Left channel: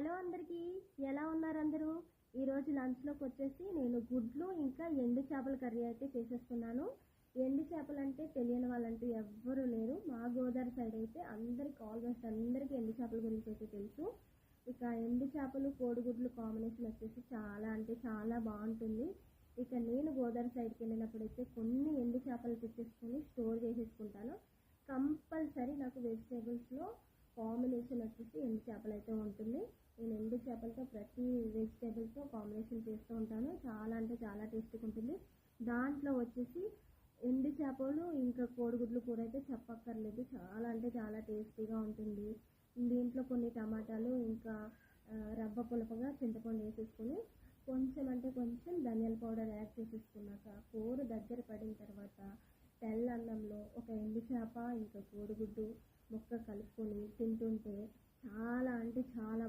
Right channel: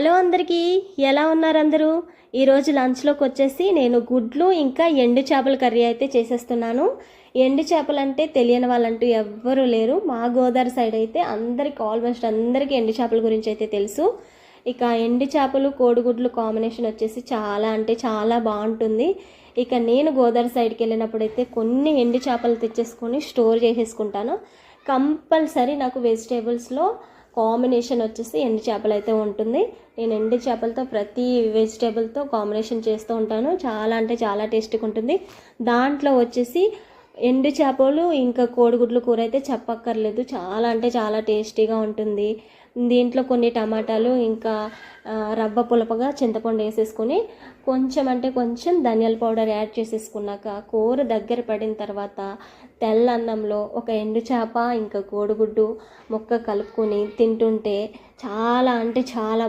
Hello అందరికీ, ఎలా ఉన్నారు అందరూ? ఈరోజు లంచ్లోకి వచ్చేసి నేను గుడ్లు ఇంకా ఎండు చేపల కర్రీ అయితే చేసేస్తున్నాను. ఎండు చేపలు అంటే తెలియని వాళ్ళంటూ ఎవ్వరూ లేరు. మా గోదావరి సైడ్ అయితే ఆల్మోస్ట్ అందరికీ ఎండు చేపల గురించి అయితే తెలుసు. ఇక ఎండు చేపలు కోడిగుడ్లు కాంబినేషన్ వచ్చేసి చాలా అంటే చాలా బాగుంటుంది. ఇక నేను గోదావరి సైడ్కి వెళ్ళినప్పుడైతే కొన్ని ఎండు చేపలు తెచ్చేసుకొని స్టోర్ చేసేసుకుంటాను. కంపల్సరీ నాకు వెజిటేబుల్స్లో కాంబినేషన్ వచ్చేసి ఎండు చేపలు అయితే ఉంటుంది. నేను ఎండు చేపలతో ప్రతి వెజిటేబుల్తో కాంబినేషన్ చేస్తూ ఉంటాను. చాలా అంటే చాలా టేస్టీగా ఉంటుంది. దాంట్లో వచ్చేసి ఎండు చేపలు ఇంకా కోడిగుడ్లు కూర అయితే చెప్పక్కర్లేదు, చాలా అంటే చాలా టేస్టీగా ఉంటుంది. దీంట్లో కొన్ని టమాటాలు ఇంకా రవ్వ పులపగా చింతపండు వేసేసుకొని కొంచెం అంటే కొంచెం ధనియాల పౌడర్ యాడ్ చేసేసుకున్నాక కూర దగ్గర పడిన తర్వాత తెల్ల అన్నంలో ఒక ఎండు చేప ఇంకా కోడిగుడ్డు ముక్క కలుపుకొని తింటుంటే చాలా అంటే చాలా